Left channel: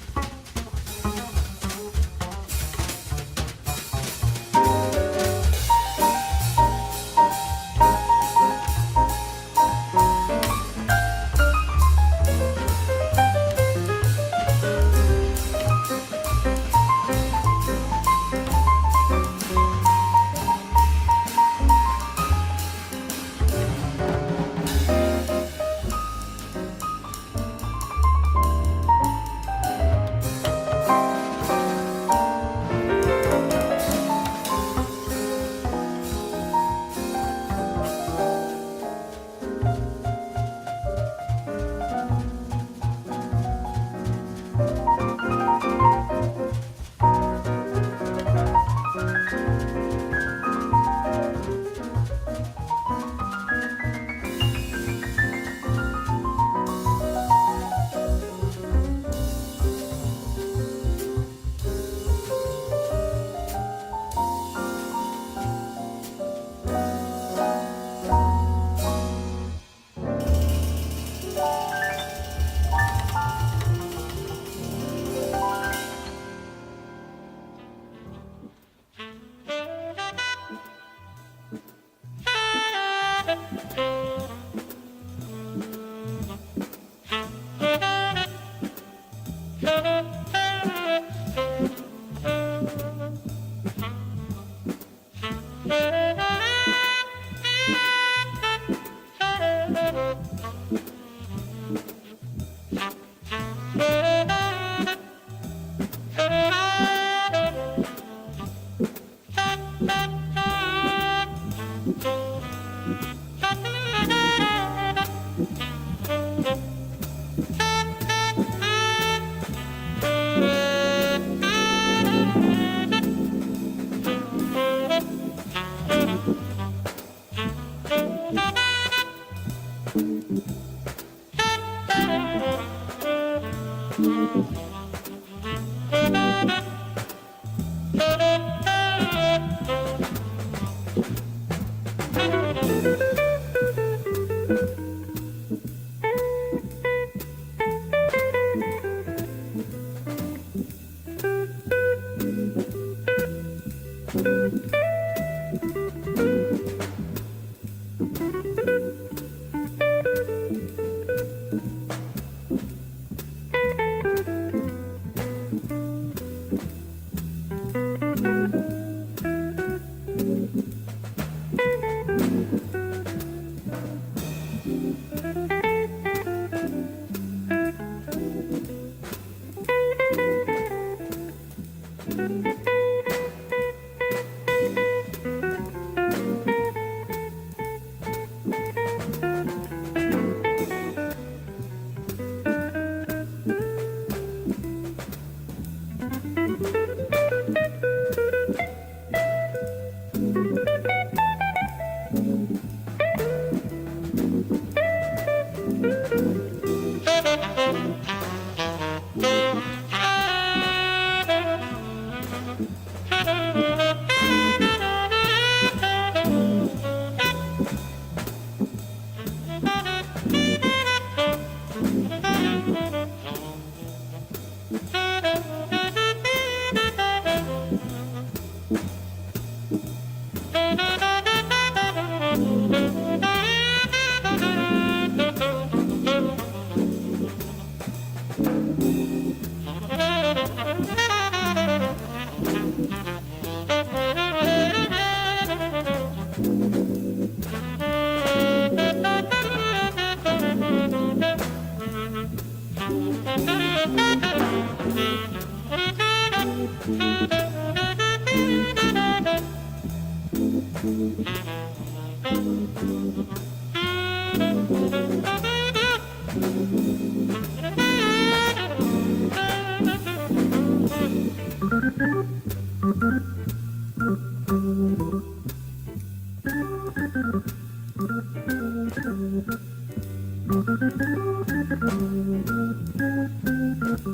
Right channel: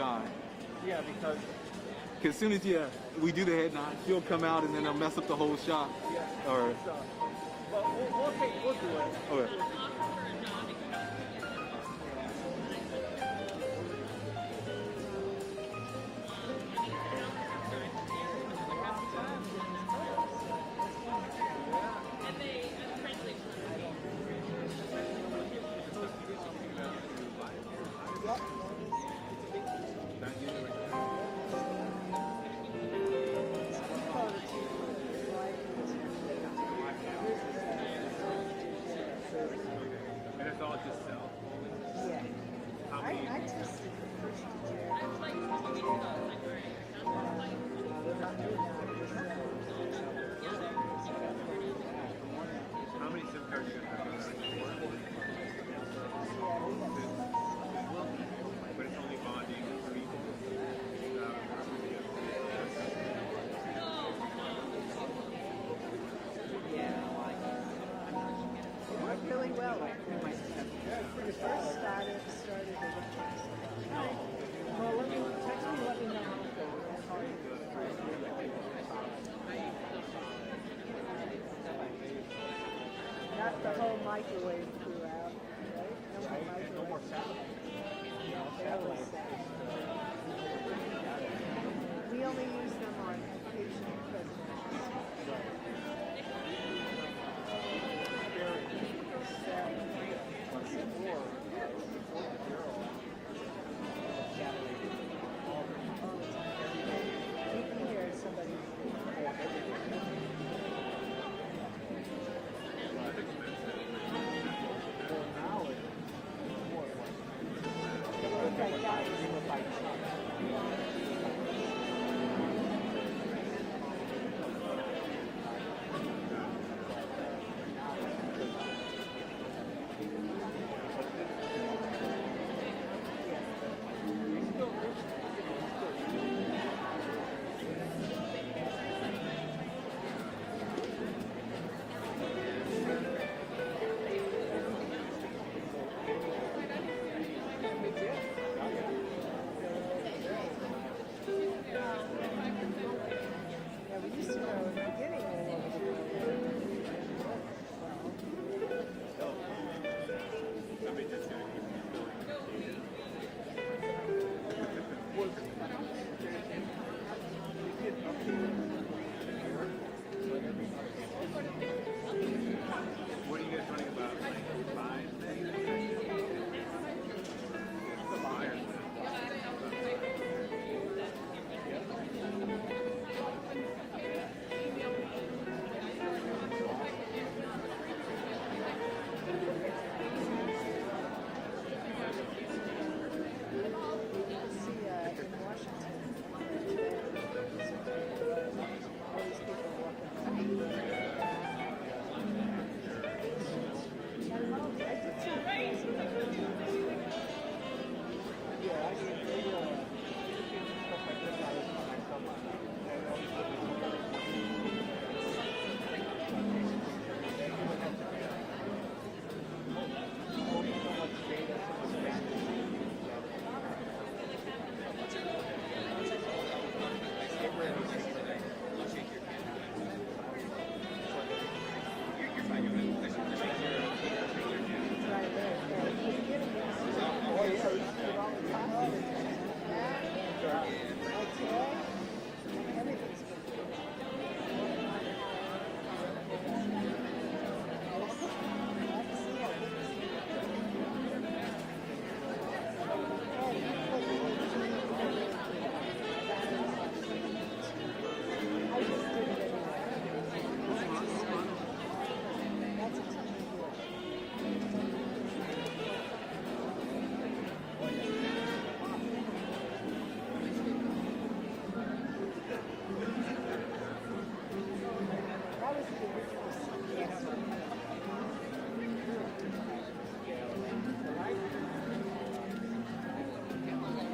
time. As soon as we do the head, he'll come out and that's the whole shot.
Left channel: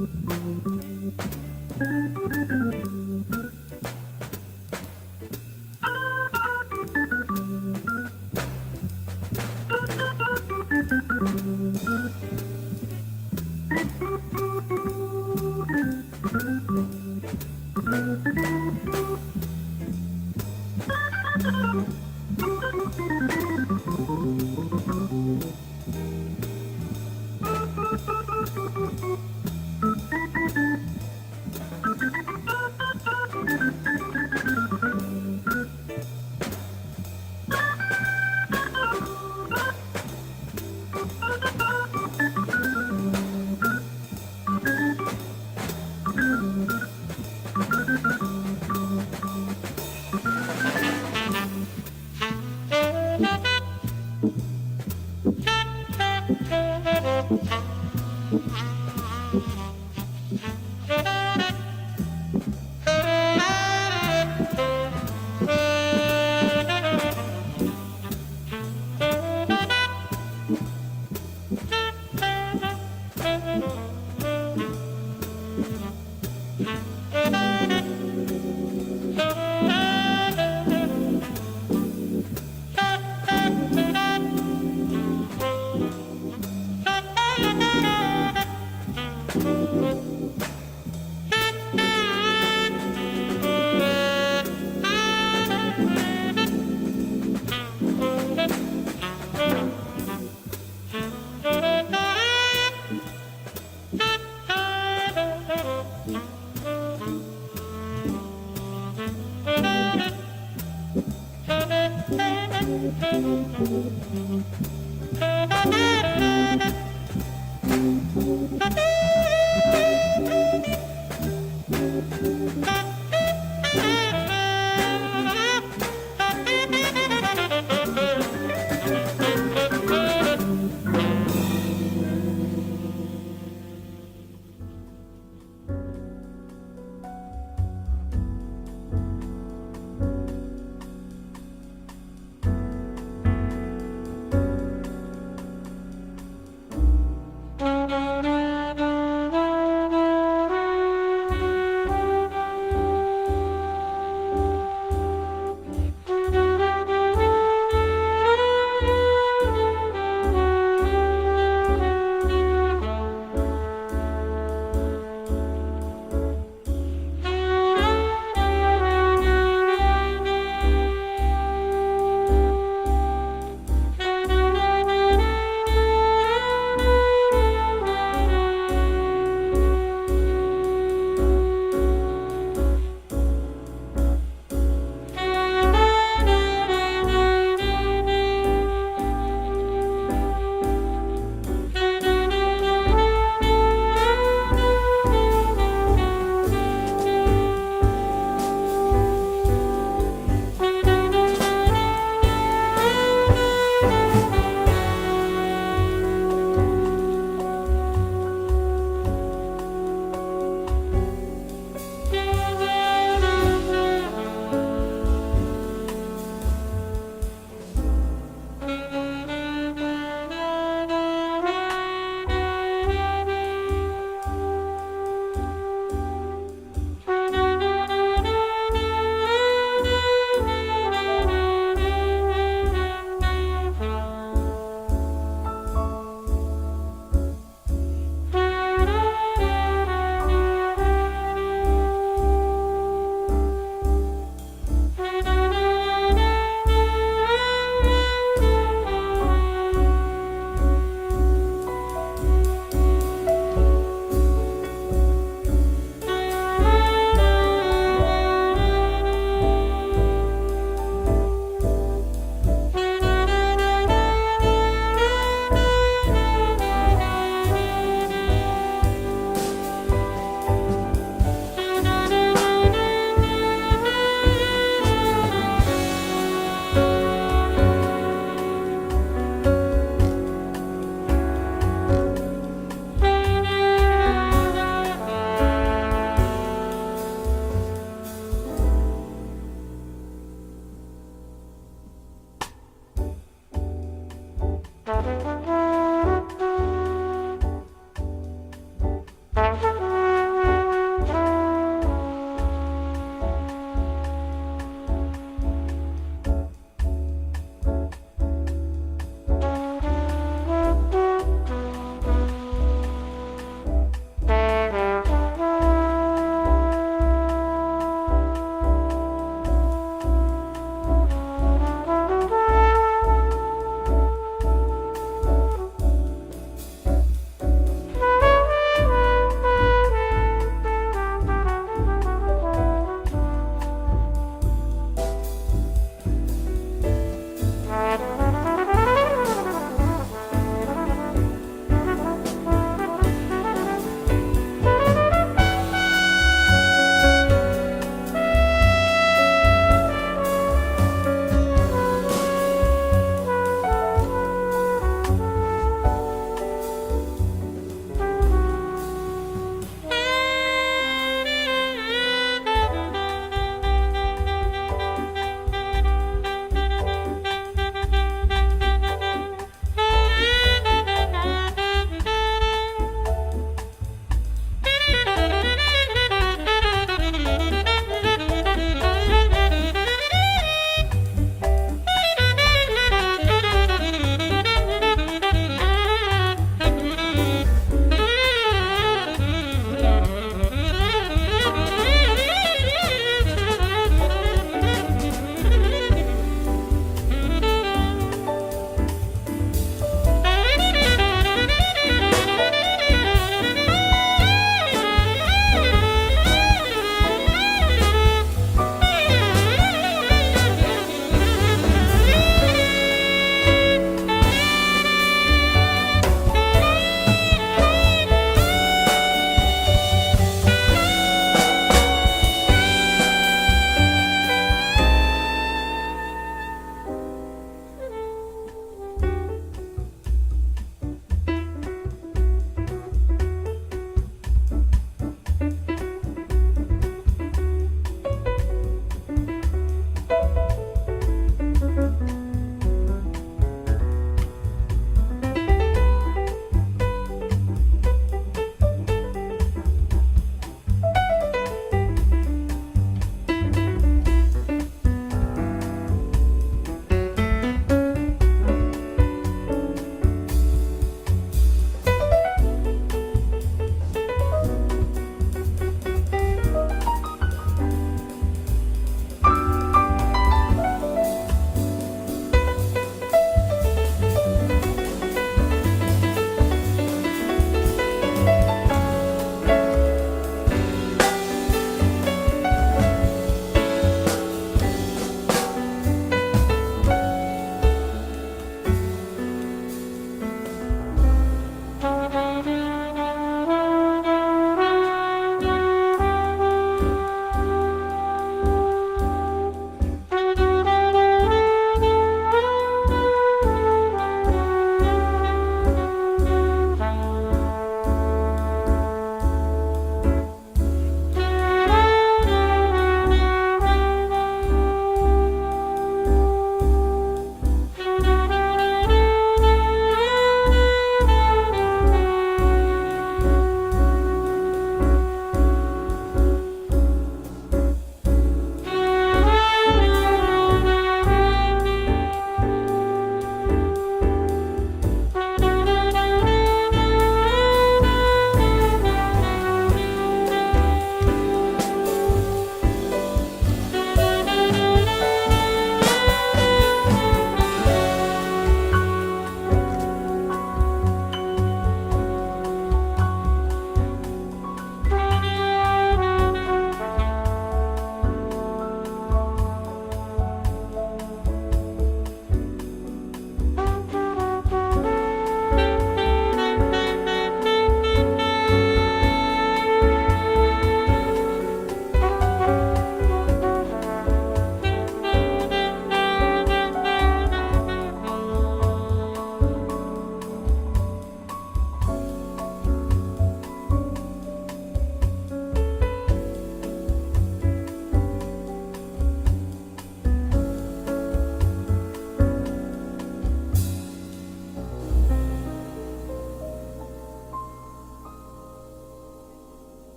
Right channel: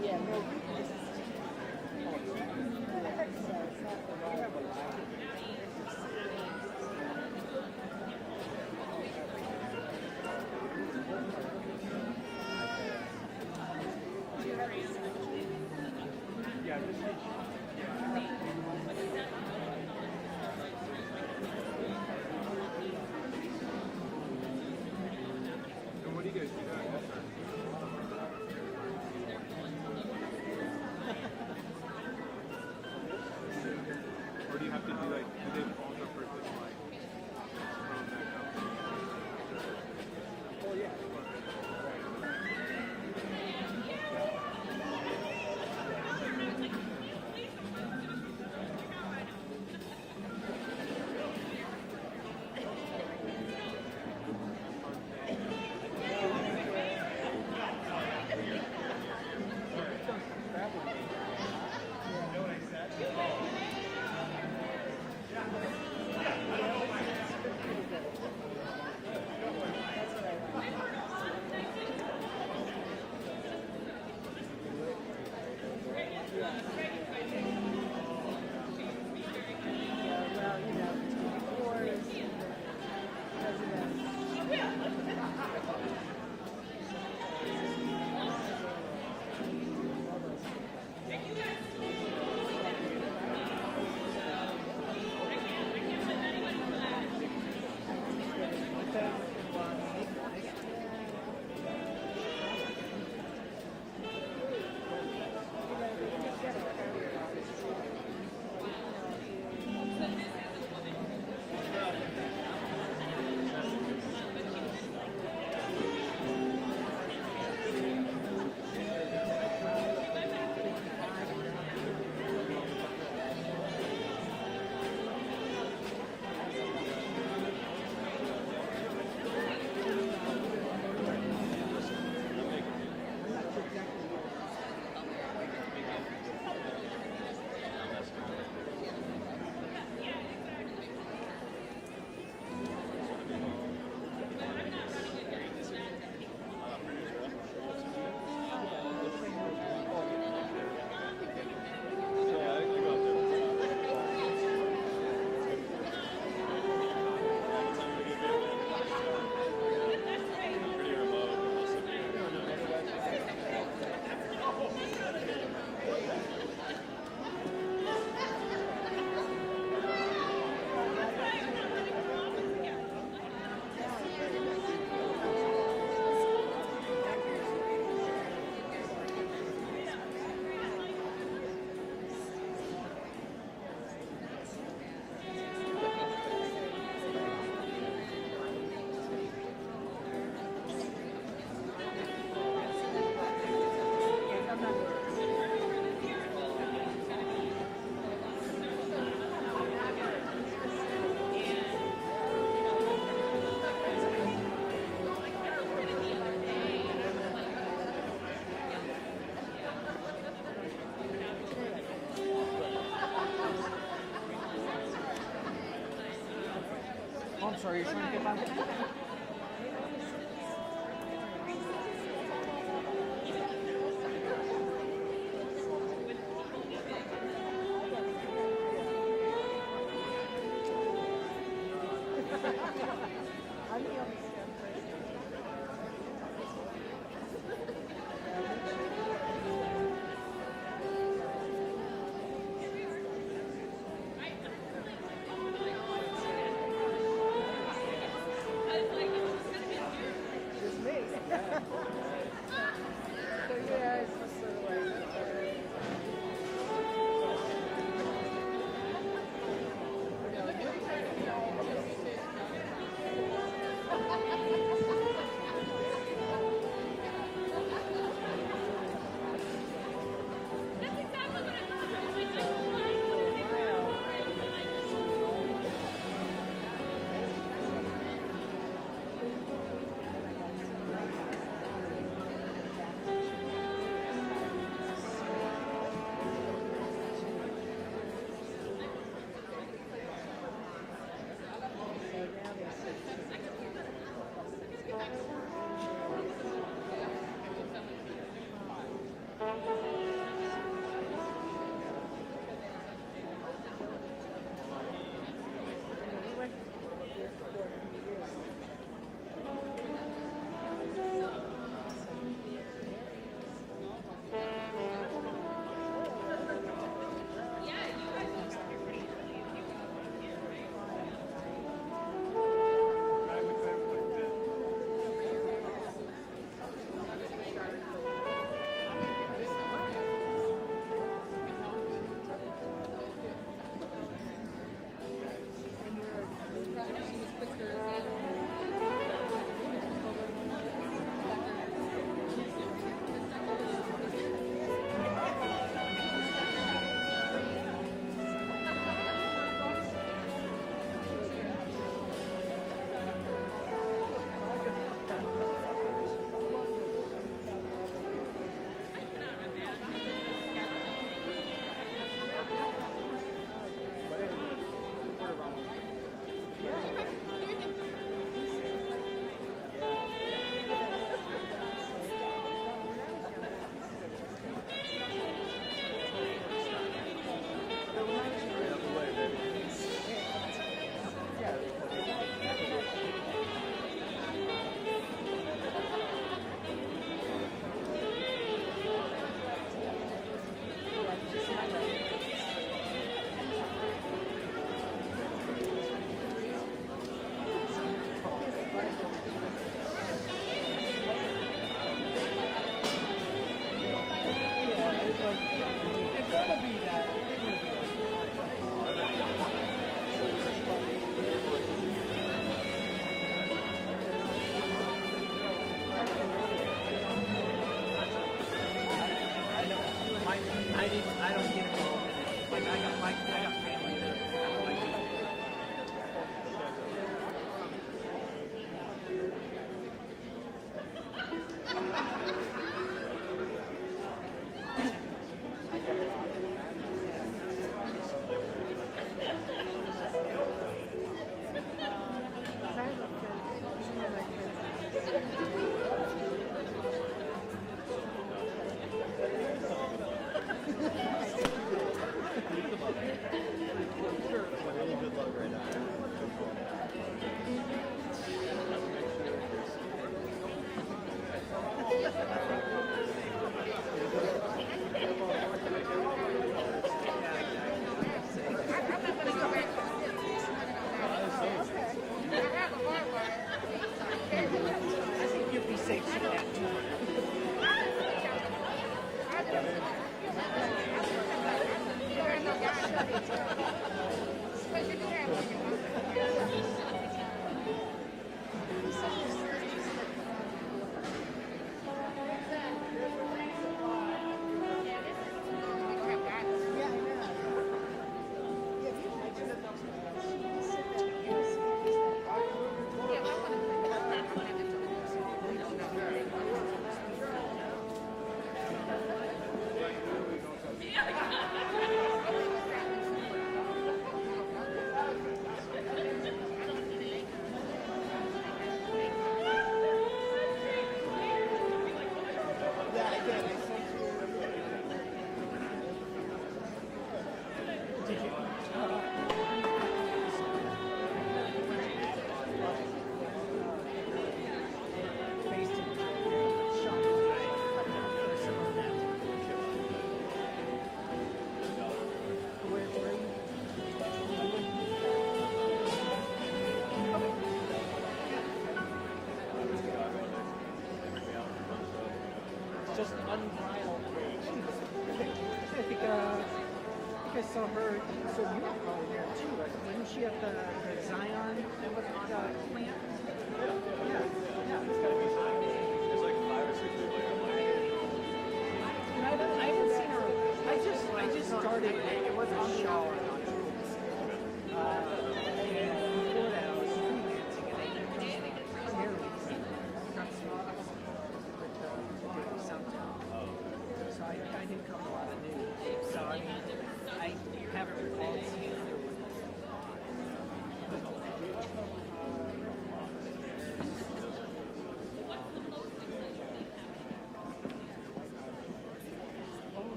Yeah.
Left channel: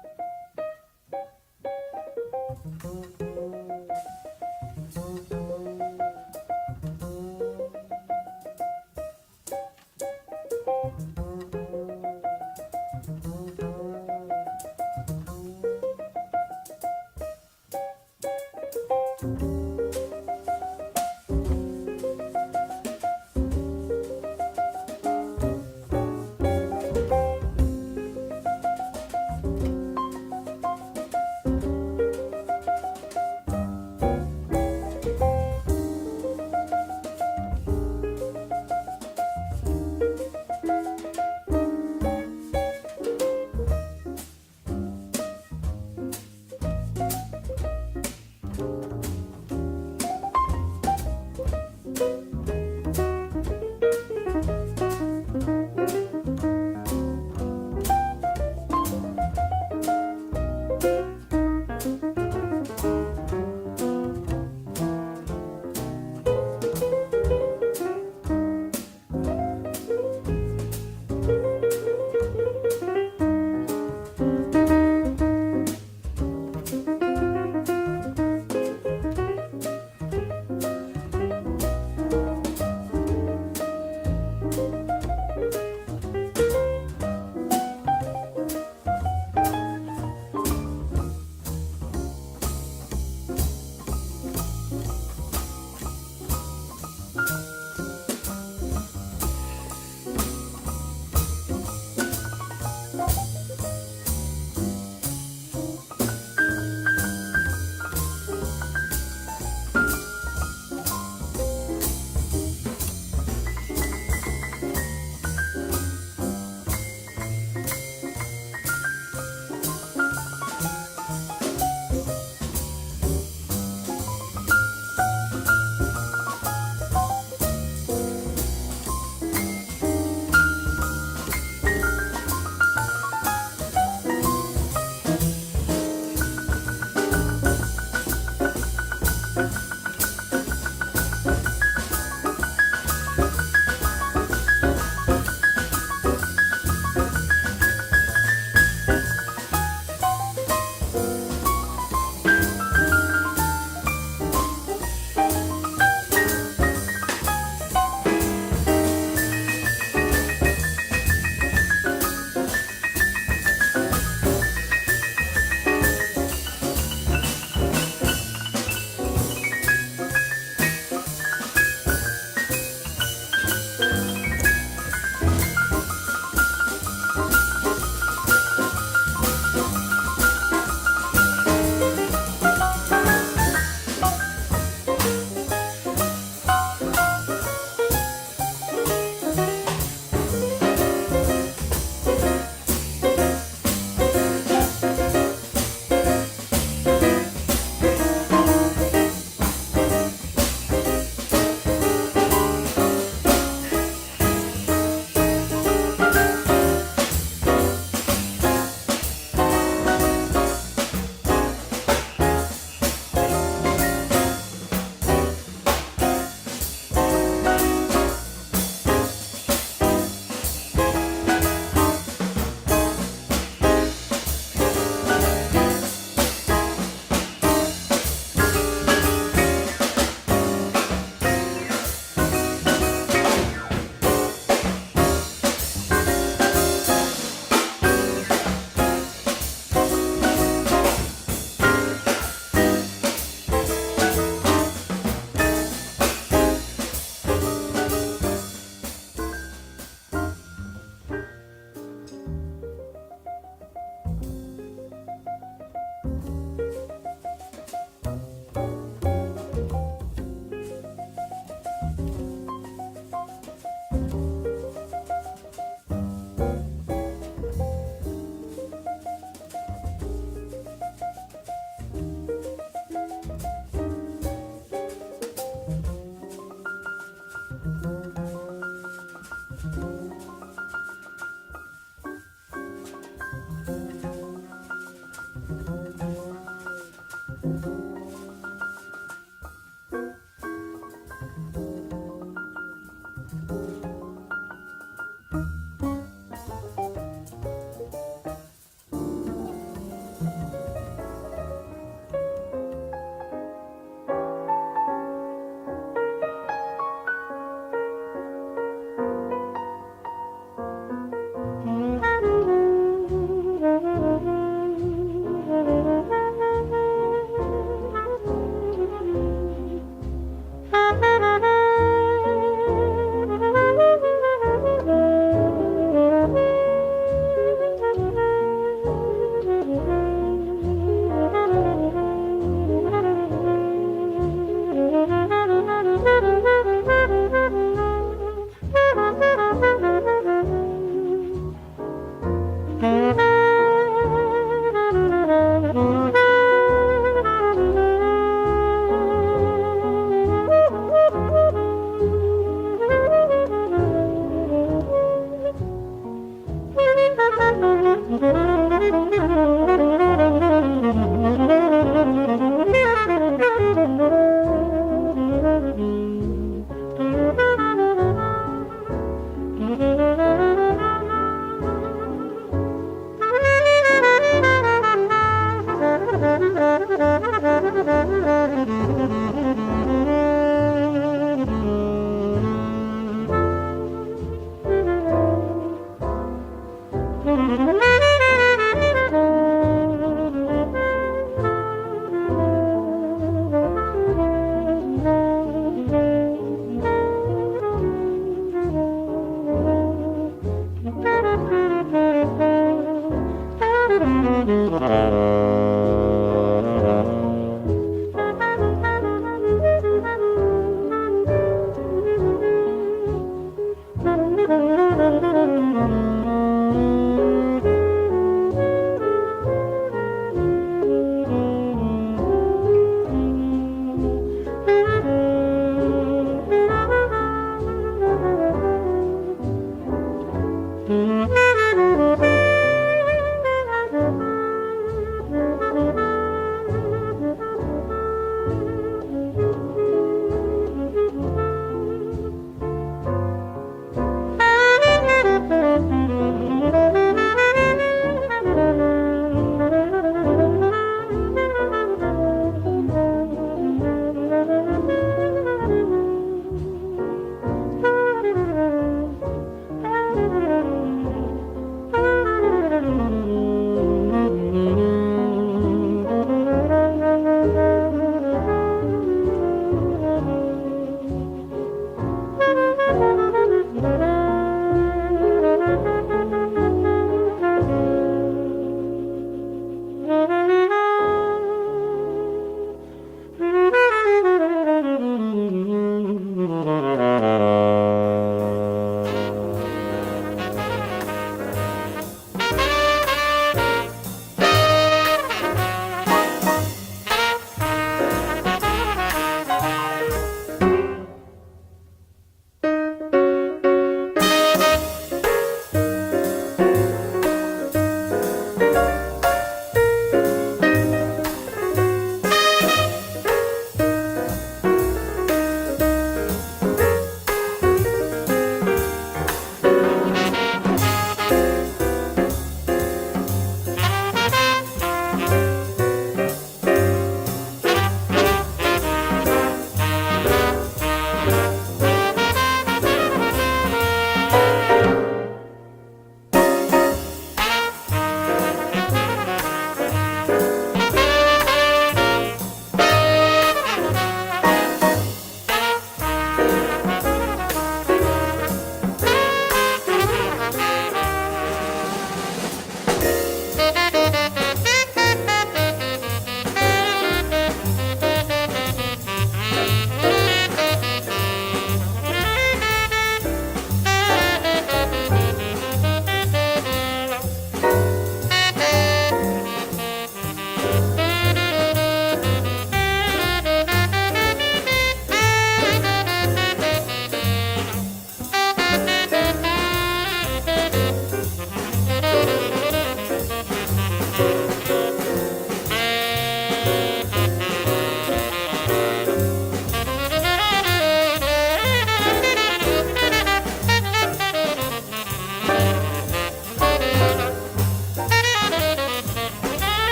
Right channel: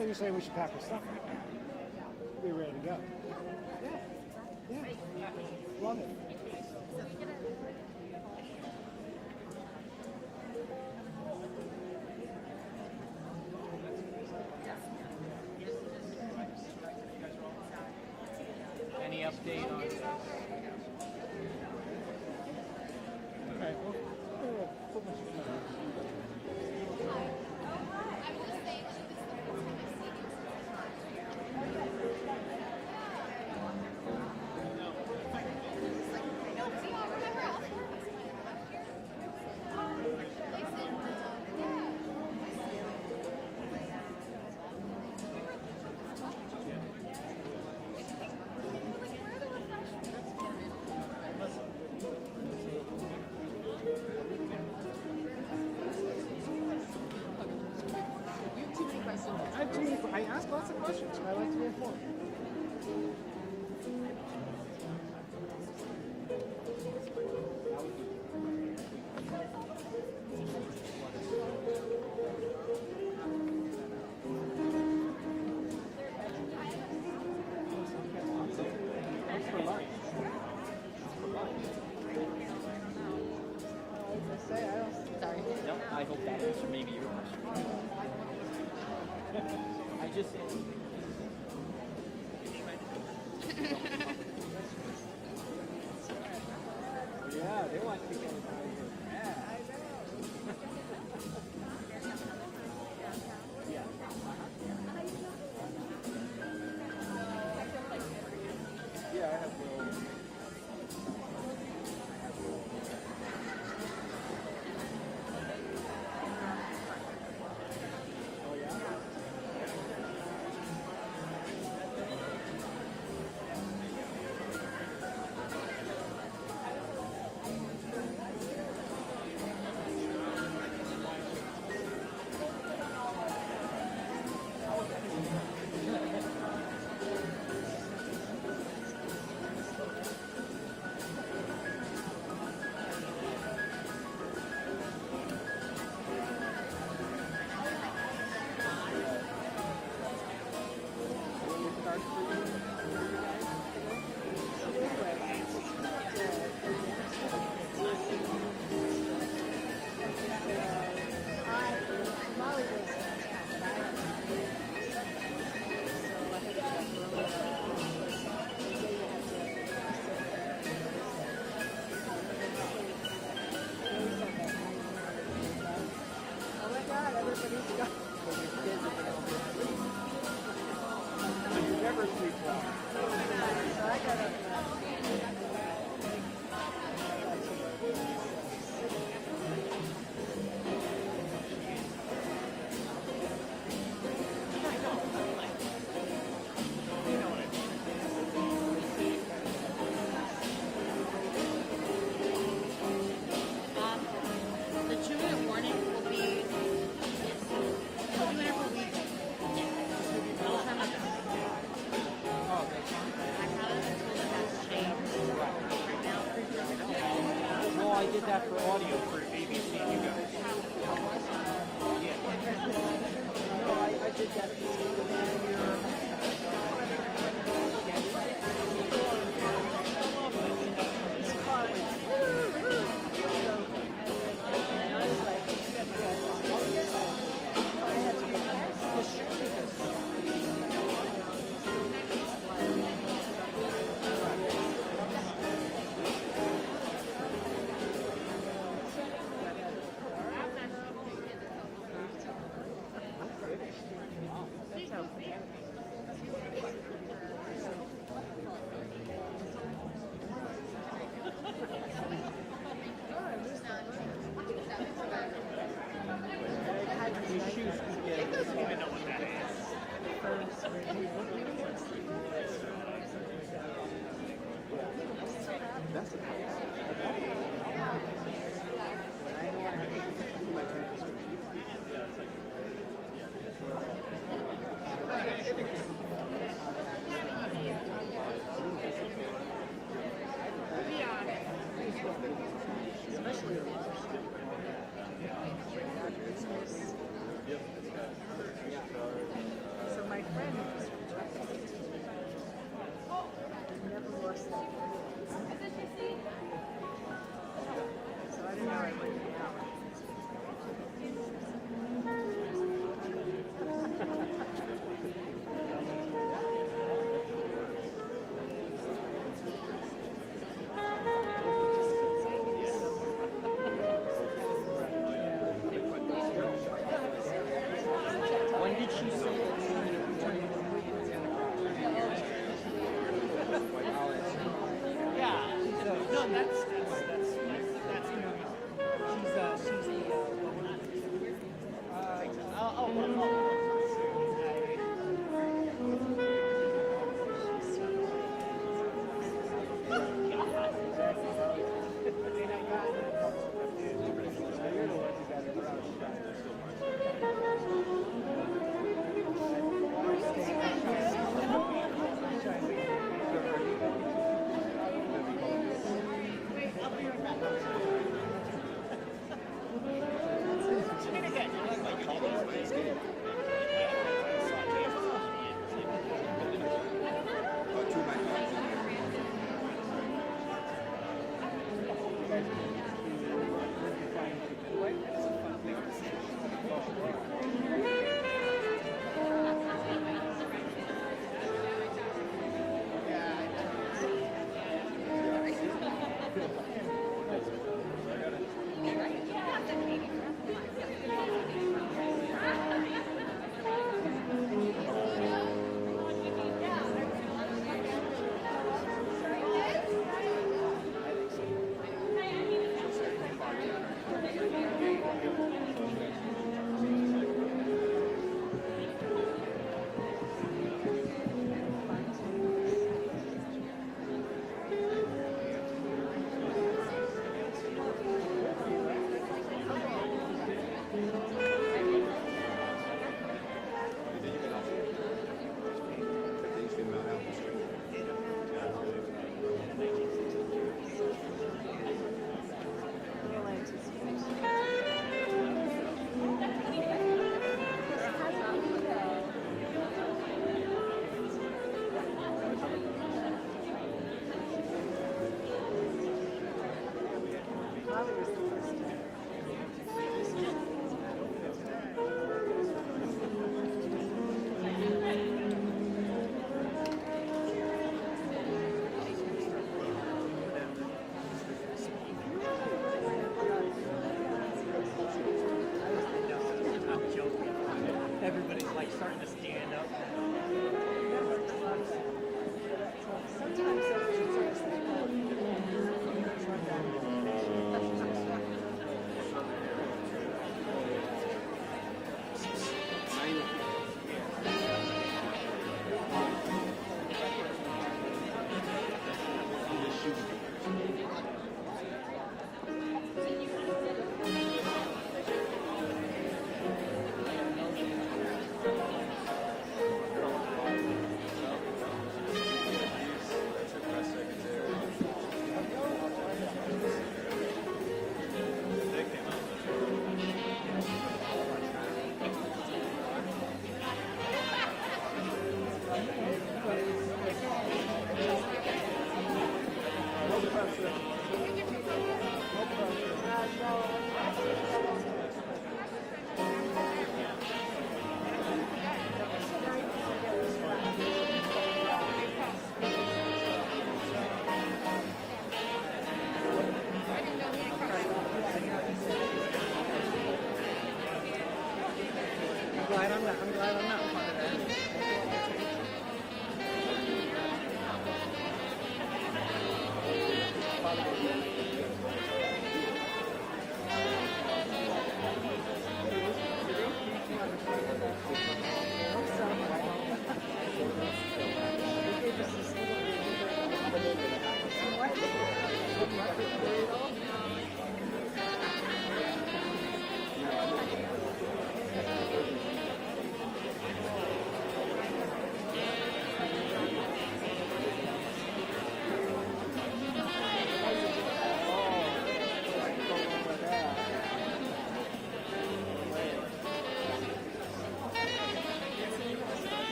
when you say we should pack our stuff up. We're ready to go. Any update on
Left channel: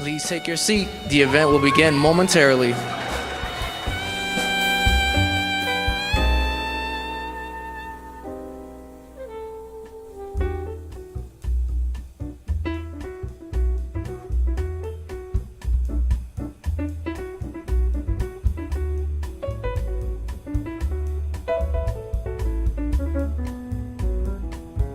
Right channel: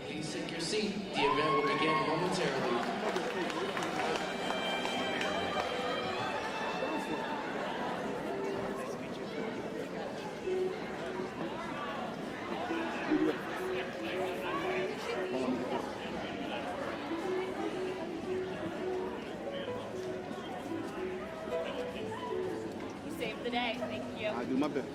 Please take your seat. The event will begin momentarily. Saved the day. Thank you. I do my best.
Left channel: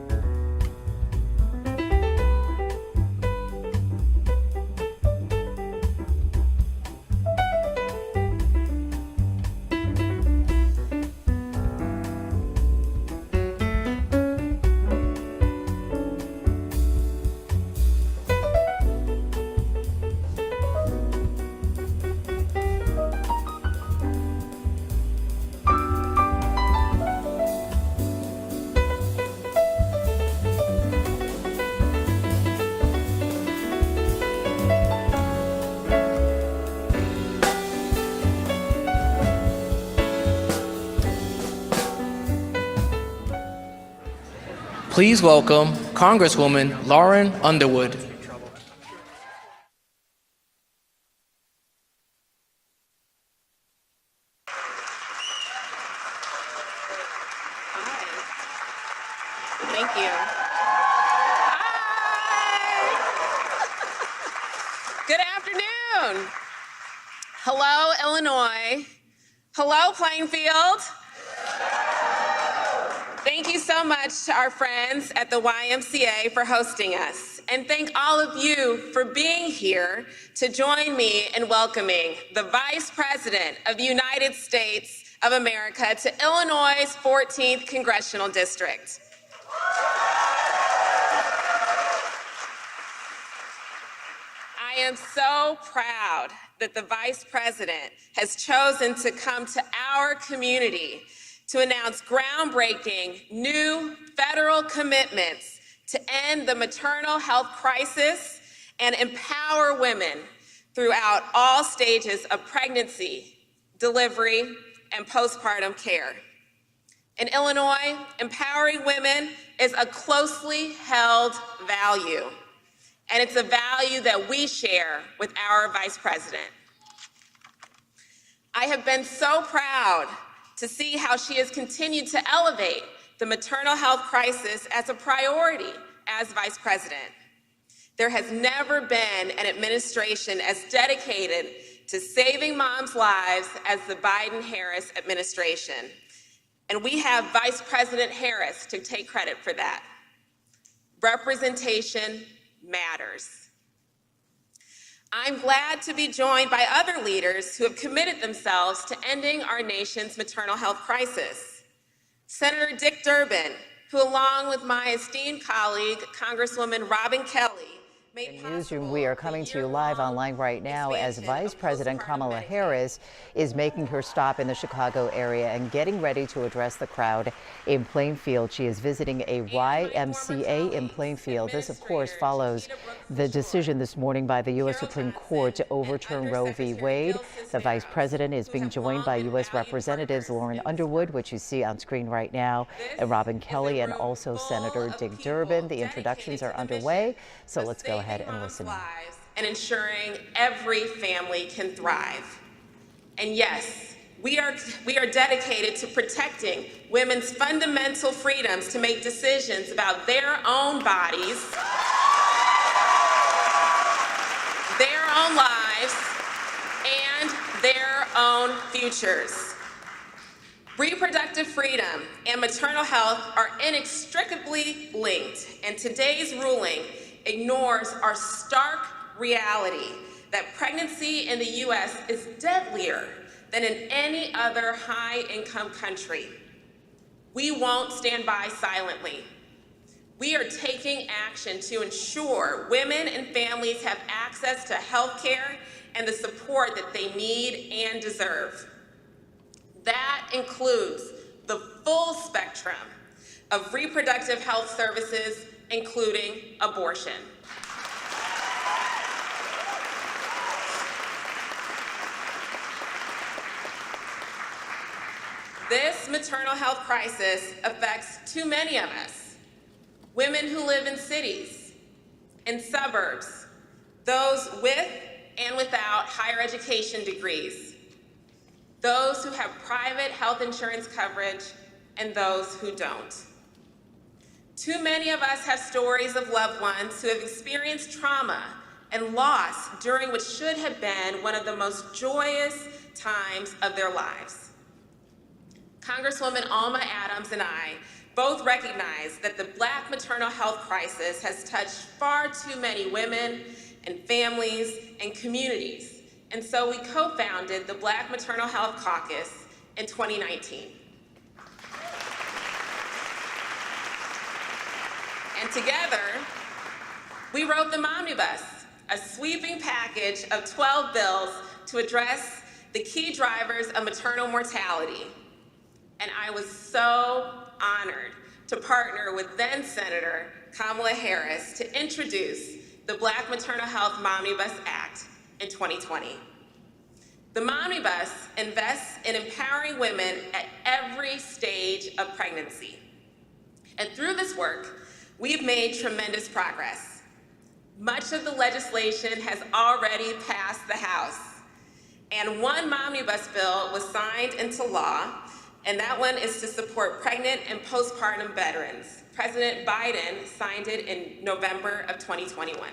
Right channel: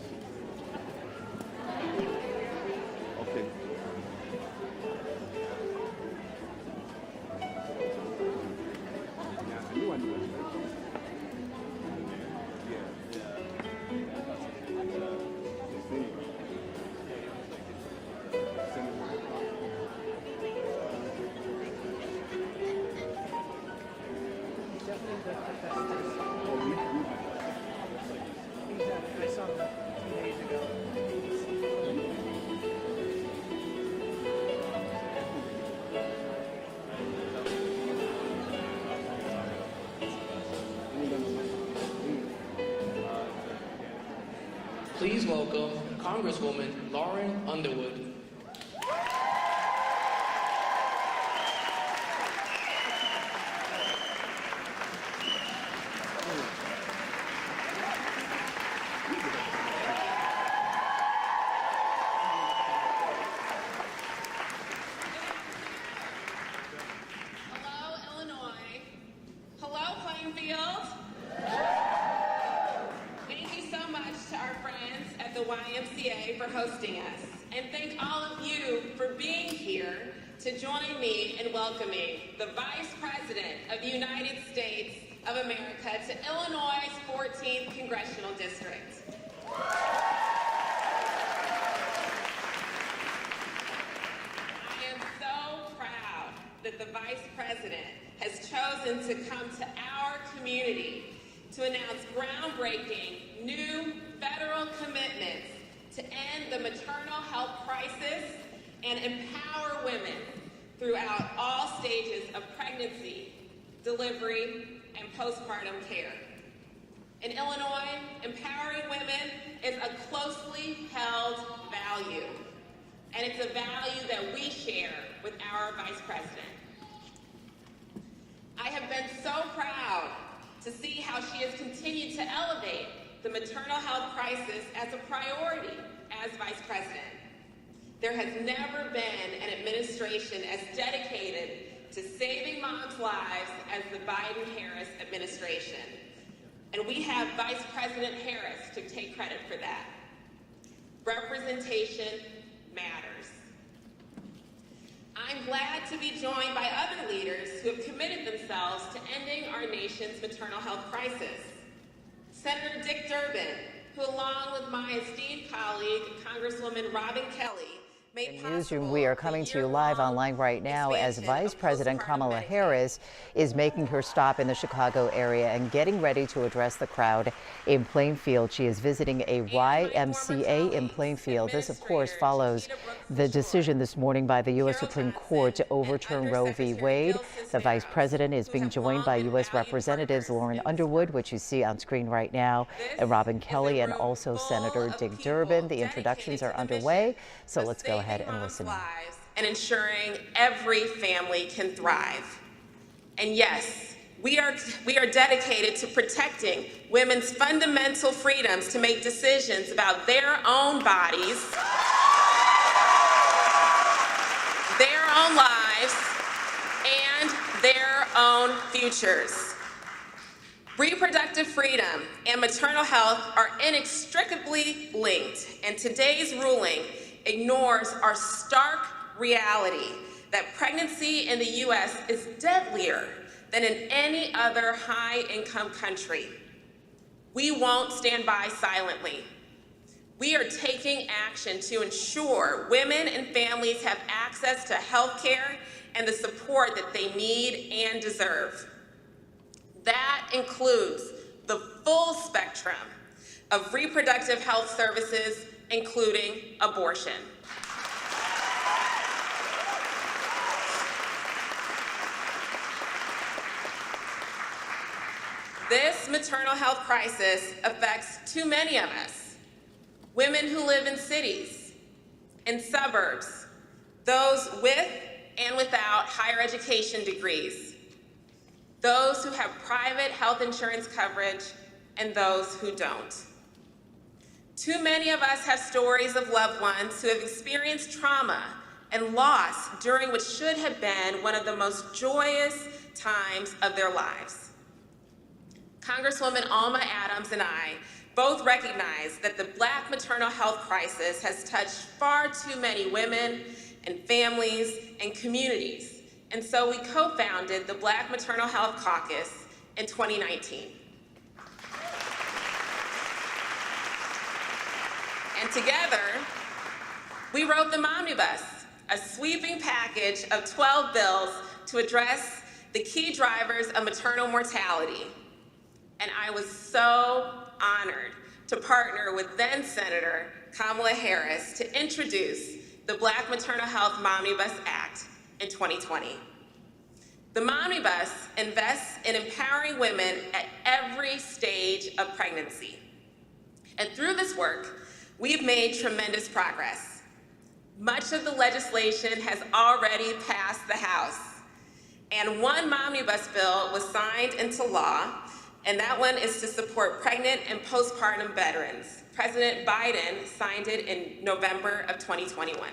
Please welcome Congresswoman Lauren Underwood. Thank you. Hi. Good afternoon. Hello, Illinois. Hello, Plainfield. Thank you so much to our friends at the YMCA for hosting us. And thank all of you for being here to join me in welcoming the Vice President of the United States of America to Illinois' 14th Congressional District. I am so proud that the Vice President has chosen to come to our community to announce groundbreaking new federal commitments to end the maternal health crisis and empower women throughout all stages of pregnancy, delivery, and postpartum care. In Illinois, empowering women is a closely held value, and it's a value that we share with our Vice President. I have been so proud to see how she has continued to elevate the maternal health crisis as a priority as Vice President. There has never been an administration as dedicated to saving moms' lives as the Biden-Harris administration. And we have Vice President Harris to take credit for that. Representation matters. I'm glad to be joined by other leaders who have committed themselves to ending our nation's maternal health crisis. Senator Dick Durbin, who along with my esteemed colleague, Congresswoman Robin Kelly, In Newsroom, we are coming to you live online right now as Vice President Kamala Harris is making her stop in the Chicago area and getting ready to address the crowd in Plainfield. She is visiting a YMCA in Plainfield. This, of course, follows the decision this morning by the U.S. Supreme Court to overturn Roe v. Wade. The Vice President is being joined by U.S. Representatives Lauren Underwood, which you see on screen right now, and Robin Kelly, and also Senator Dick Durbin. The introductions are underway, so let's go ahead and listen. And ensuring every family can thrive. And yes, we are dedicated to protecting women's fundamental freedoms to make decisions about their own bodies, their own lives, and their own futures. Reproductive freedom and maternal health are inextricably linked, and today's ruling ignores our stark reality that pregnancy in the U.S. is deadlier than in any other high-income country. We won't stand by silently. We are taking action to ensure women and families have access to health care and the support that they need and deserve. That includes the full spectrum of reproductive health services, including abortion. This maternal health crisis affects too many of us. Women who live in cities, in suburbs, those with and without higher education degrees, those who have private health insurance coverage, and those who don't. Too many of us have stories of loved ones who have experienced trauma and loss during what should have been one of the most joyous times of their lives. Congresswoman Alma Adams and I both recognize that the Black maternal health crisis has touched far too many women and families and communities, and so we co-founded the Black Maternal Health Caucus in 2019. And together, we wrote the Momnibus, a sweeping package of 12 bills to address the key drivers of maternal mortality. And I was so honored to partner with then Senator Kamala Harris to introduce the Black Maternal Health Momnibus Act in 2020. The Momnibus invests in empowering women at every stage of pregnancy. And through this work, we've made tremendous progress. Much of the legislation has already passed the House, and one Momnibus bill was signed into law, and that one is to support pregnant and postpartum veterans. President Biden signed it in November of 2021.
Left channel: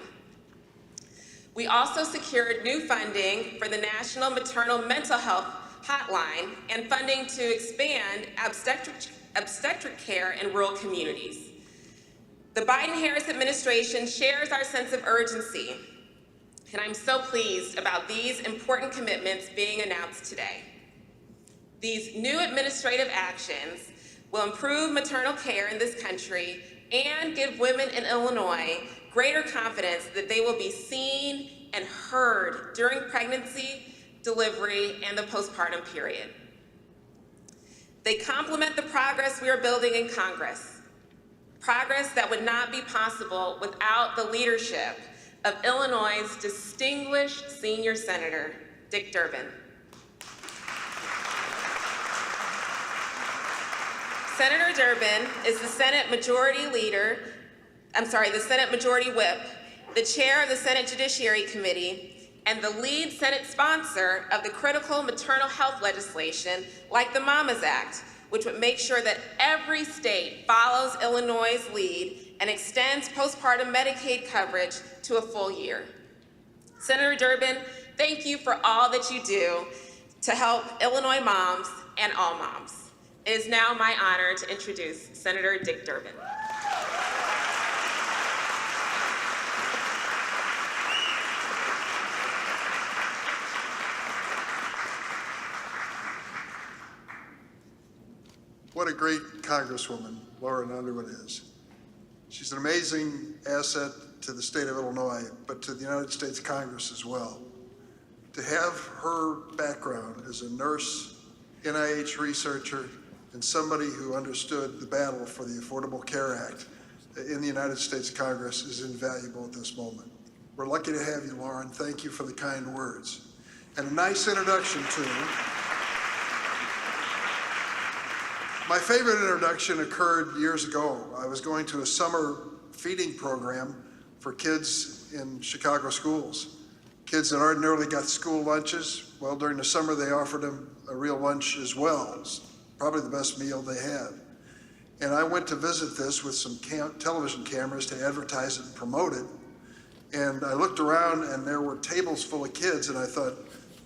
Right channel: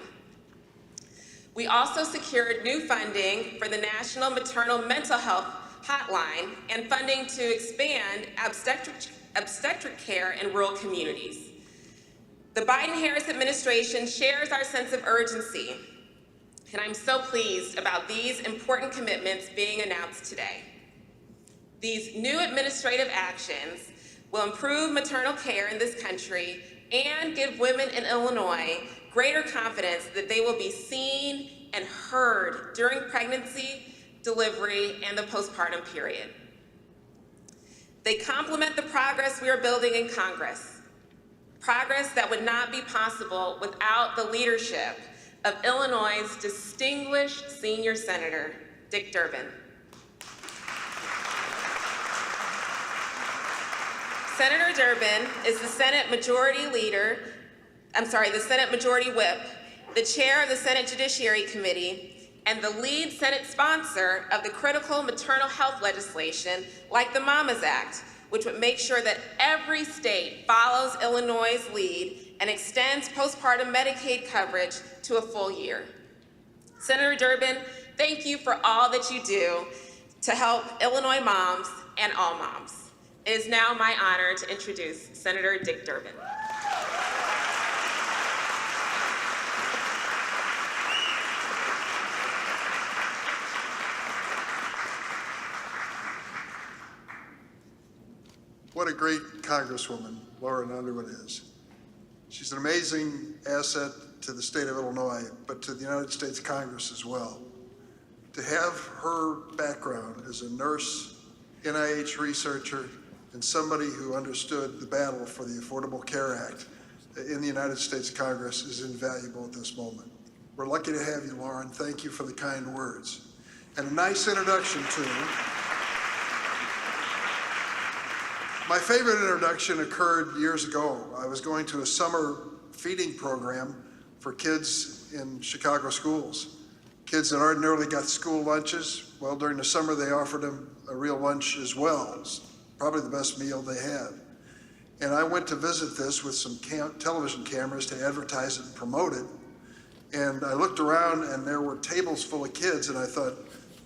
We also secured new funding for the National Maternal Mental Health Hotline and funding to expand obstetric care in rural communities. The Biden-Harris administration shares our sense of urgency, and I'm so pleased about these important commitments being announced today. These new administrative actions will improve maternal care in this country and give women in Illinois greater confidence that they will be seen and heard during pregnancy, delivery, and the postpartum period. They complement the progress we are building in Congress, progress that would not be possible without the leadership of Illinois' distinguished senior senator, Dick Durbin. Senator Durbin is the Senate Majority Whip, the chair of the Senate Judiciary Committee, and the lead Senate sponsor of the critical maternal health legislation like the Mamas Act, which would make sure that every state follows Illinois' lead and extends postpartum Medicaid coverage to a full year. Senator Durbin, thank you for all that you do to help Illinois moms and all moms. It is now my honor to introduce Senator Dick Durbin. What a great Congresswoman Lauren Underwood is. She's an amazing asset to the state of Illinois, but to the United States Congress as well. To have her background as a nurse, NIH researcher, and somebody who understood the battle for the Affordable Care Act in the United States Congress is invaluable at this moment. We're lucky to have you, Lauren. Thank you for the kind words. And a nice introduction to you. My favorite introduction occurred years ago. I was going to a summer feeding program for kids in Chicago schools. Kids that ordinarily got school lunches, well, during the summer they offered them a real lunch as well. It's probably the best meal they had. And I went to visit this with some television cameras to advertise it and promote it. And I looked around and there were tables full of kids, and I thought,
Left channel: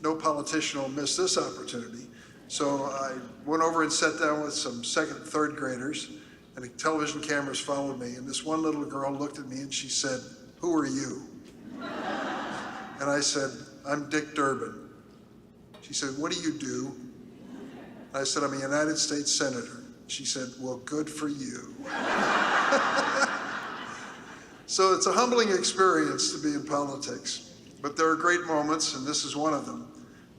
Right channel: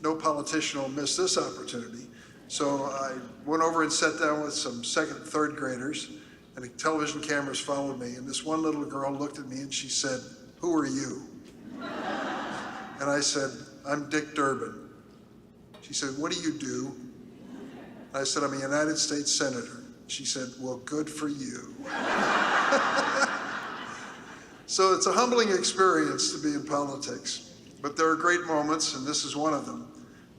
no politician will miss this opportunity. So I went over and sat down with some second and third graders, and the television cameras followed me, and this one little girl looked at me and she said, "Who are you?" And I said, "I'm Dick Durbin." She said, "What do you do?" And I said, "I'm a United States Senator." She said, "Well, good for you." So it's a humbling experience to be in politics, but there are great moments, and this is one of them,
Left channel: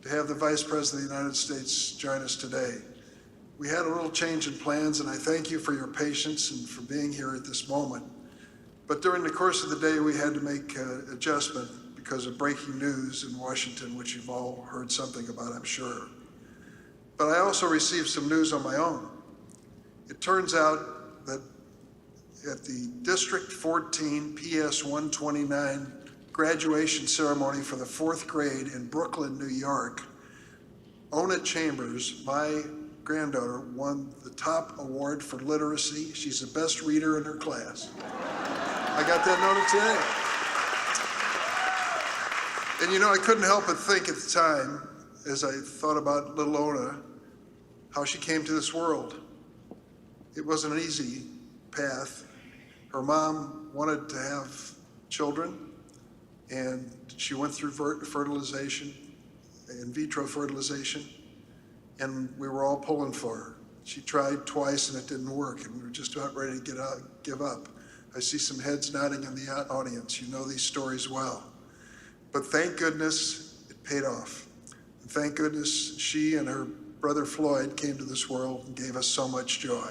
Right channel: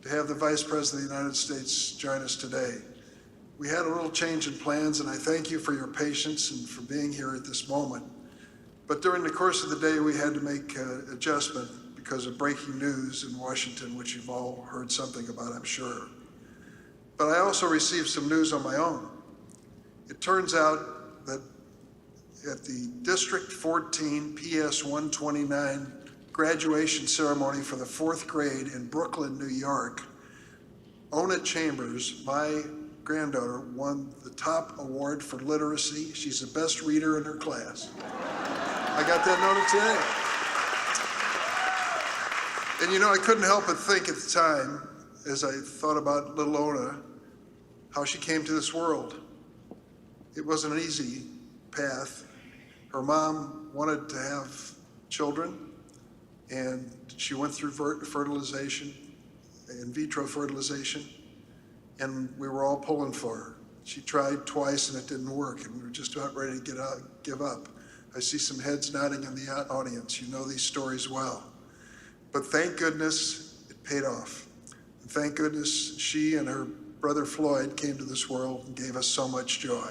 to have the Vice President of the United States join us today. We had a little change in plans, and I thank you for your patience and for being here at this moment. But during the course of the day, we had to make an adjustment because of breaking news in Washington, which you've all heard something about, I'm sure. But I also received some news on my own. It turns out that at the District 14 PS 129 graduation ceremony for the 4th grade in Brooklyn, New York, Ona Chambers, my granddaughter, won the top award for literacy. She's the best reader in her class. I got that noted today. And you know, I couldn't help but think at the time, as I thought about little Ona, how she came to this world. It wasn't an easy path. Her mom wanted to have children, and she went through fertilization, in vitro fertilization, and we were all pulling for her. She tried twice and it didn't work, and we were just about ready to give up. I see some heads nodding in the audience. You know these stories well. But thank goodness it paid off. And thank goodness she and her brother Floyd came to this world and gave us so much joy.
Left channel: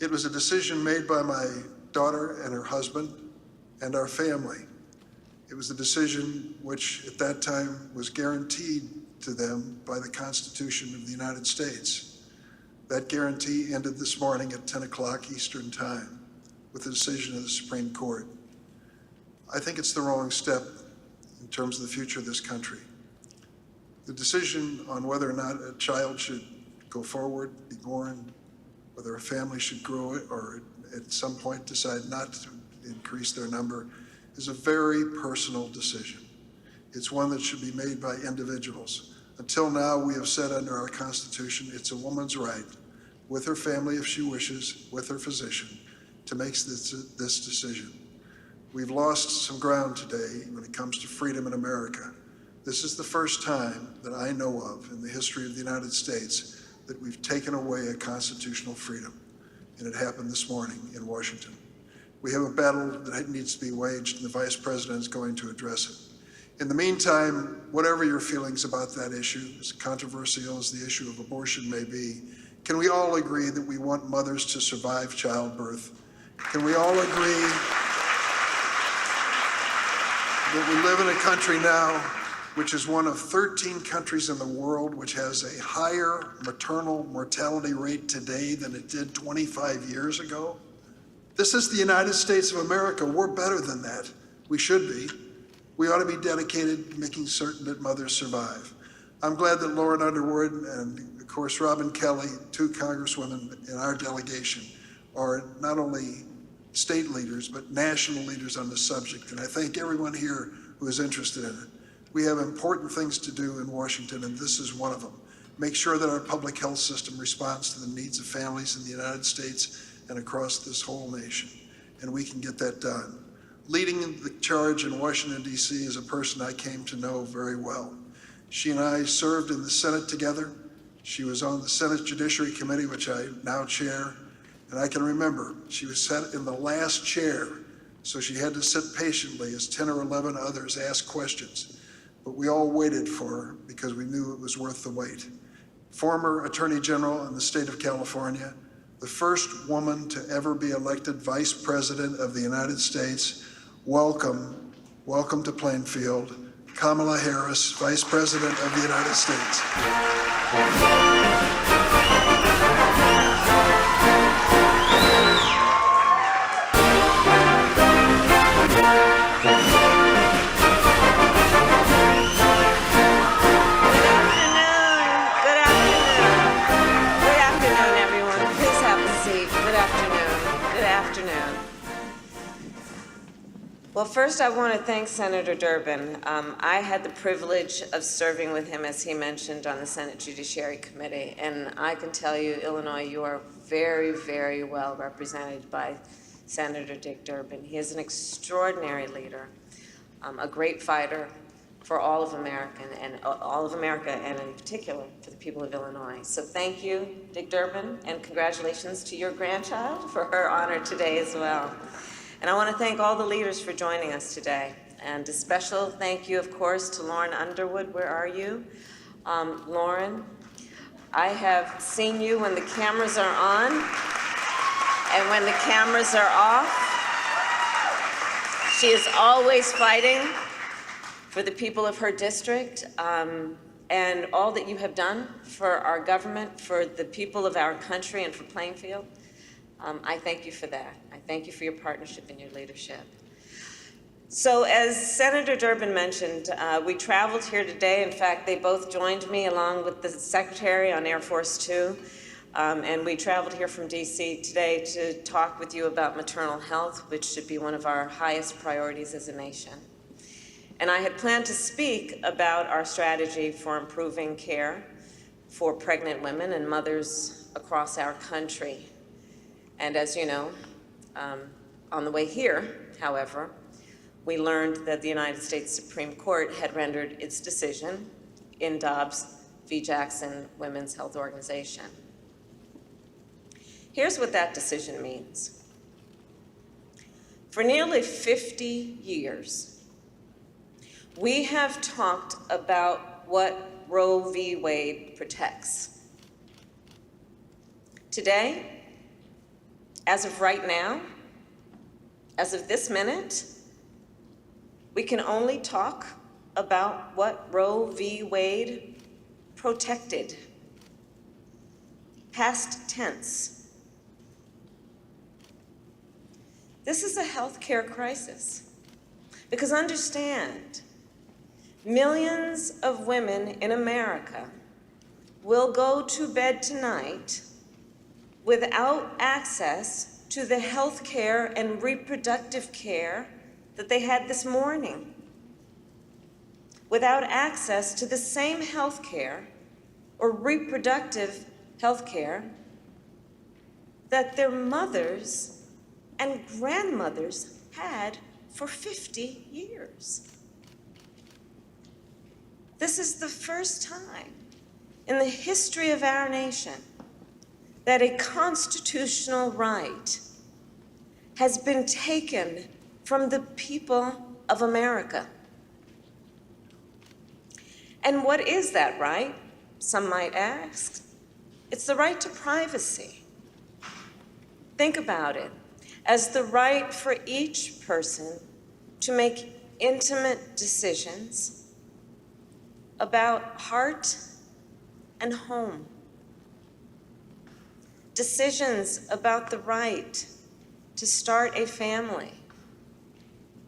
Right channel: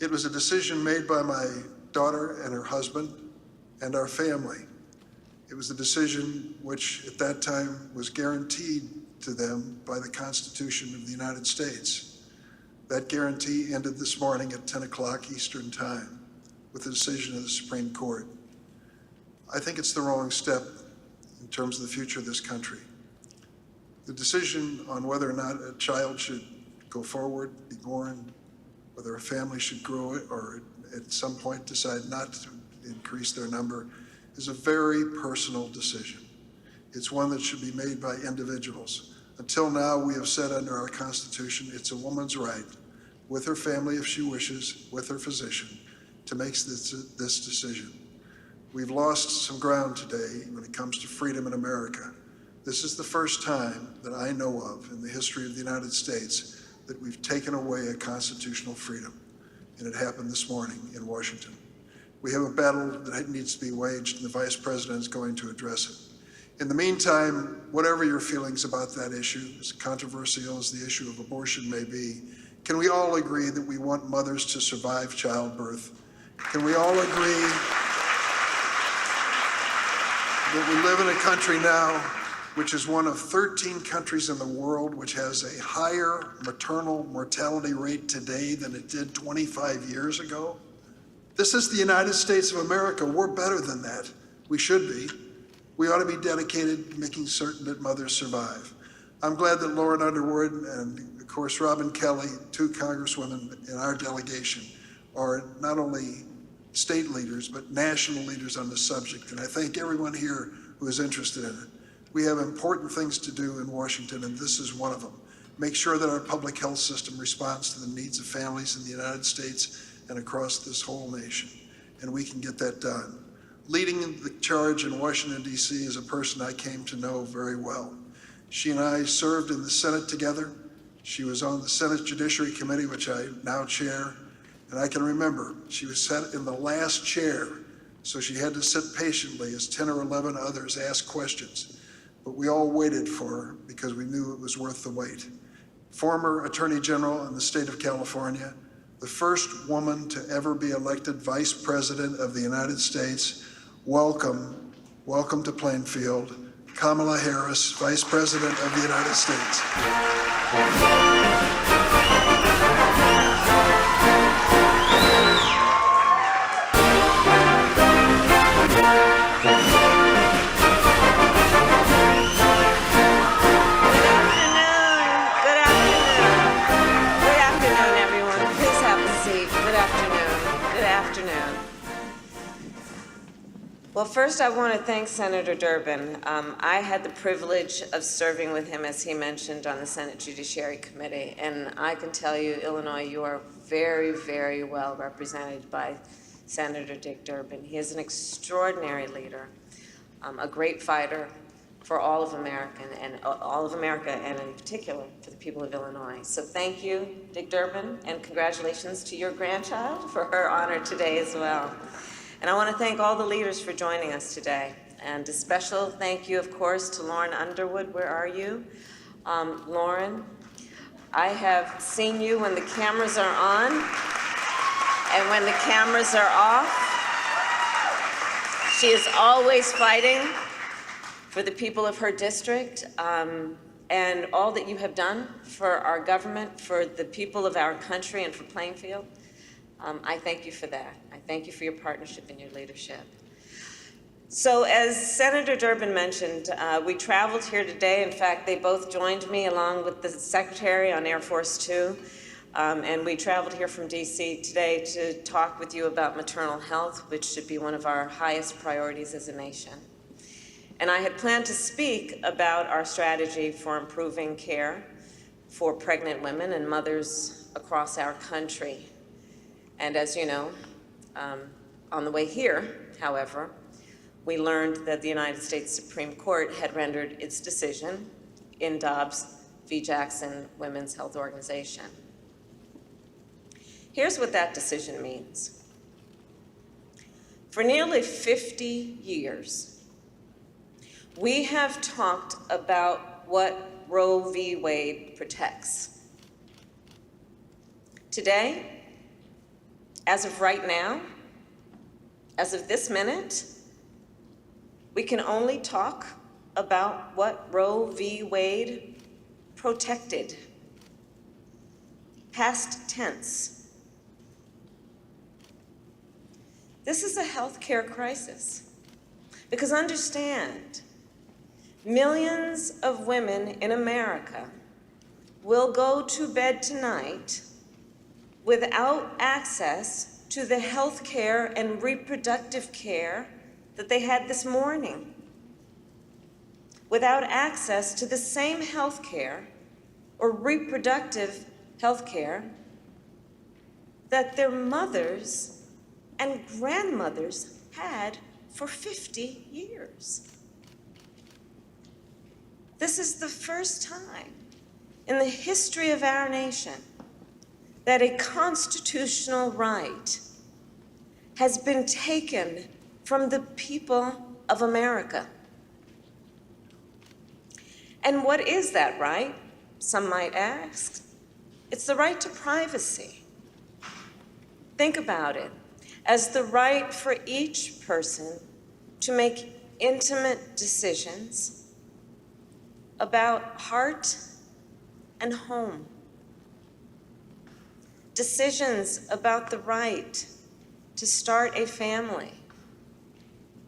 It was a decision made by my daughter and her husband and our family. It was a decision which at that time was guaranteed to them by the Constitution of the United States. That guarantee ended this morning at 10 o'clock Eastern Time with the decision of the Supreme Court. I think it's the wrong step in terms of the future of this country. The decision on whether or not a child should go forward, be born, whether a family should grow it or at some point decide not to increase their number is a very personal decision. It's one that should be made by individuals. Until now, we have said under our Constitution, it's a woman's right, with her family if she wishes, with her physician, to make this decision. We've lost some ground today when it comes to freedom in America. This is the first time that I know of in the history of the United States that we've taken away a constitutional freedom, and it happened this morning in Washington. We have a battle that needs to be waged, and the Vice President is going to address it. In the meantime, whatever your feelings about that issue, as controversial as the issue of abortion may be, can we all agree that we want mothers to survive childbirth? Can we all agree that we live in a country now which is one of 13 countries in the world which has a higher maternal mortality rate today than it did 25 years ago? This is the United States of America. We're better than that. We should be. We ought to be dedicated to making certain that mothers survive. I'm glad that Lauren Underwood and, of course, Robin Kelly, 2 congresswomen in our delegation, are not only state leaders, but national leaders on the subject. And I thank everyone here who is interested in it. We have important things to do in Washington, and this is one of them. Make sure that our public health system responds to the needs of families in the United States and across this whole nation, and we can get that done. Leading the charge in Washington, D.C. is a person I came to know very well. She and I served in the Senate together. She was on the Senate Judiciary Committee, which I now chair, and I can remember she was sat in the last chair, so she had to sit patiently as 10 or 11 others asked questions. But we all waited for her because we knew it was worth the wait. Former Attorney General in the state of California, the first woman to ever be elected Vice President of the United States. Welcome to Plainfield, Kamala Harris, Vice President of the United States. Well, first I want to thank Senator Durbin. I had the privilege of serving with him, as he mentioned, on the Senate Judiciary Committee, and I can tell you, Illinois, you are very, very well represented by Senator Dick Durbin. He is an extraordinary leader, a great fighter for all of America, and in particular for the people of Illinois. So thank you, Dick Durbin, and congratulations to your grandchild for her honor today as well. And I want to thank all the leaders for joining us today. And a special thank you, of course, to Lauren Underwood. Where are you? Lauren, I have seen you when the cameras are on and when the cameras are off. She is always fighting for the people of her district, and all that you have done for our government, for the people of our country, and for Plainfield. I thank you for that. I thank you for your partnership and your leadership. So as Senator Durbin mentioned, we traveled here today. In fact, they both joined me along with the Secretary on Air Force Two. And we traveled here from DC today to talk with you about maternal health, which should be one of our highest priorities as a nation. And I had planned to speak about our strategy for improving care for pregnant women and mothers across our country. And as you know, on the way here, however, we learned that the United States Supreme Court had rendered its decision in Dobbs v. Jackson Women's Health Organization. Here's what that decision means. For nearly 50 years, we have talked about what Roe v. Wade protects. Today, as of right now, as of this minute, we can only talk about what Roe v. Wade protected. Past tense. This is a healthcare crisis. Because understand, millions of women in America will go to bed tonight without access to the health care and reproductive care that they had this morning, without access to the same health care or reproductive health care that their mothers and grandmothers had for 50 years. This is the first time in the history of our nation that a constitutional right has been taken from the people of America. And what is that right? Some might ask. It's the right to privacy. Think about it as the right for each person to make intimate decisions about heart and home. Decisions about the right to start a family,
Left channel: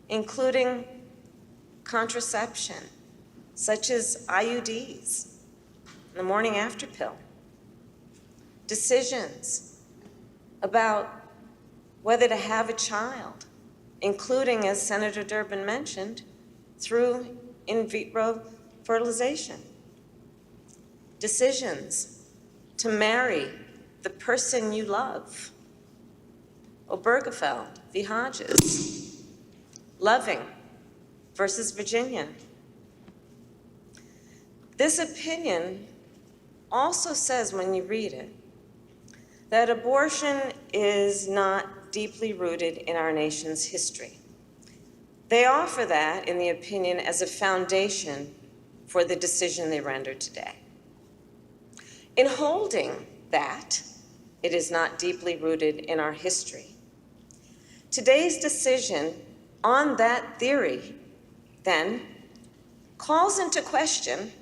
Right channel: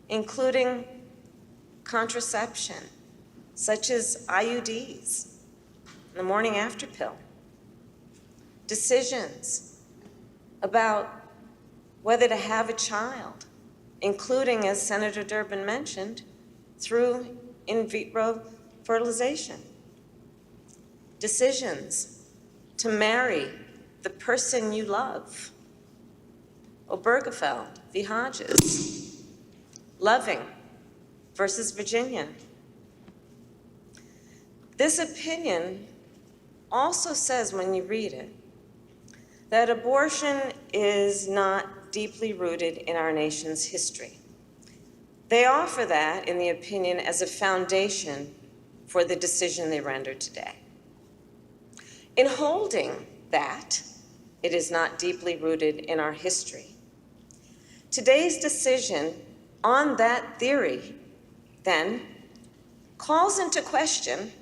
including contraception, such as IUDs, the morning after pill. Decisions about whether to have a child, including, as Senator Durbin mentioned, through in vitro fertilization. Decisions to marry the person you love. Obergefell v. Hodges. Loving versus Virginia. This opinion also says, when you read it, that abortion is not deeply rooted in our nation's history. They offer that, in the opinion, as a foundation for the decision they rendered today. In holding that it is not deeply rooted in our history, today's decision on that theory, then, calls into question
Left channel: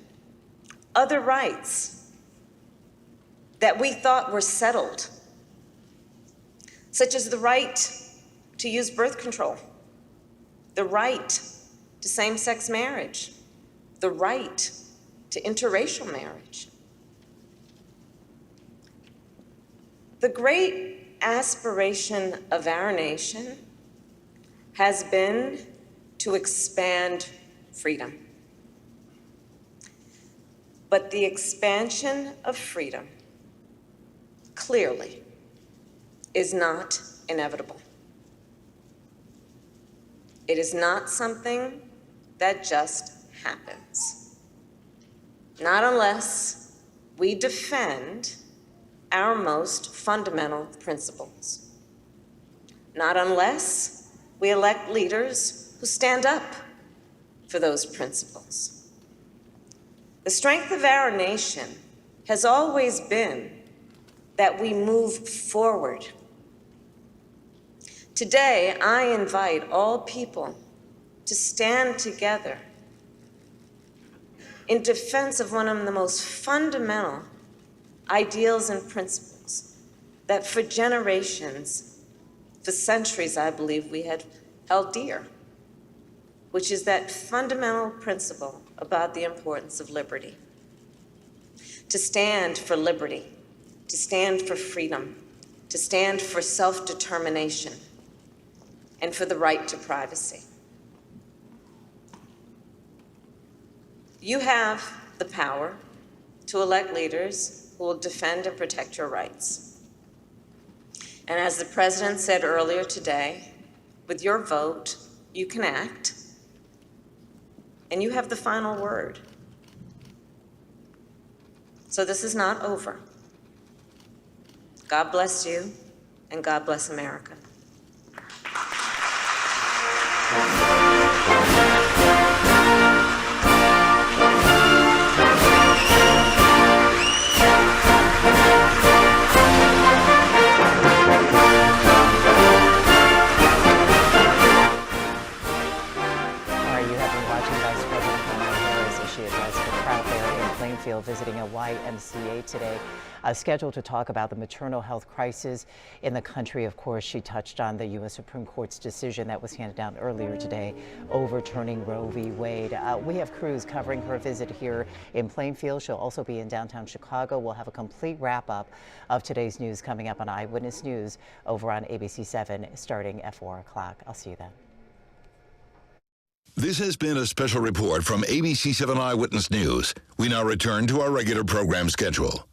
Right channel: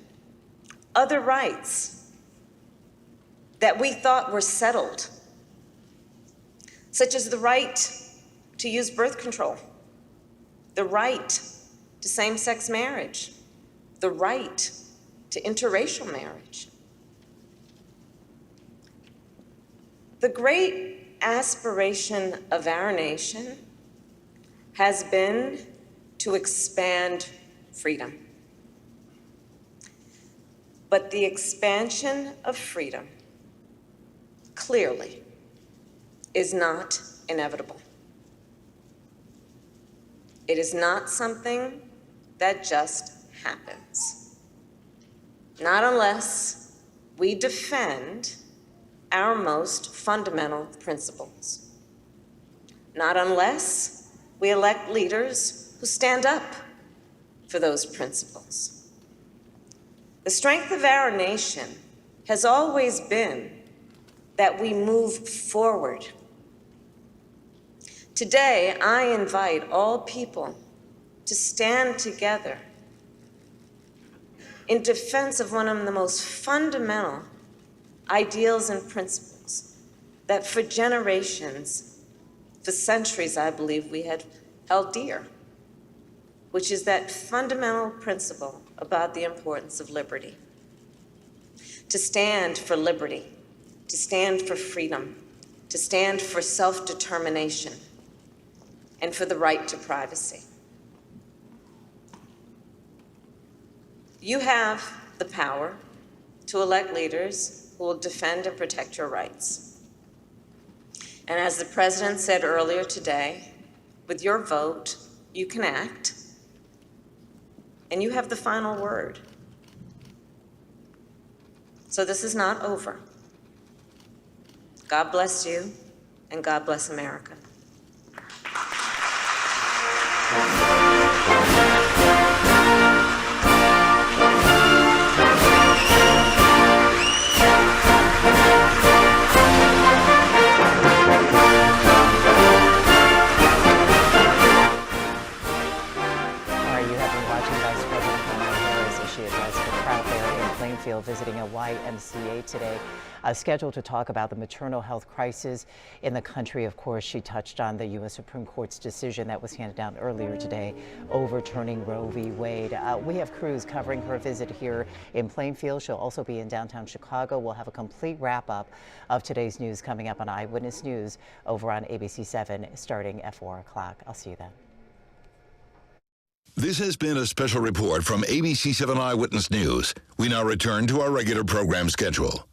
other rights that we thought were settled, such as the right to use birth control, the right to same-sex marriage, the right to interracial marriage. The great aspiration of our nation has been to expand freedom. But the expansion of freedom clearly is not inevitable. It is not something that just happens. Not unless we defend our most fundamental principles. Not unless we elect leaders who stand up for those principles. The strength of our nation has always been that we move forward. Today, I invite all people to stand together in defense of one of the most fundamental ideals and principles that for generations, for centuries, I believe we had held dear. which is that fundamental principle about the importance of liberty. To stand for liberty, to stand for freedom, to stand for self-determination, and for the right to privacy. You have the power to elect leaders who will defend and protect your rights. And as the President said earlier today, with your vote, you can act, and you have the final word. So this is not over. God bless you, and God bless America. Visiting a YMCA today, scheduled to talk about the maternal health crisis in the country. Of course, she touched on the U.S. Supreme Court's decision that was handed down earlier today, overturning Roe v. Wade. We have crews covering her visit here in Plainfield. She'll also be in downtown Chicago. We'll have a complete wrap-up of today's news coming up on Eyewitness News over on ABC 7 starting at 4 o'clock. I'll see you then. This has been a special report from ABC 7 Eyewitness News. We now return to our regular program schedule.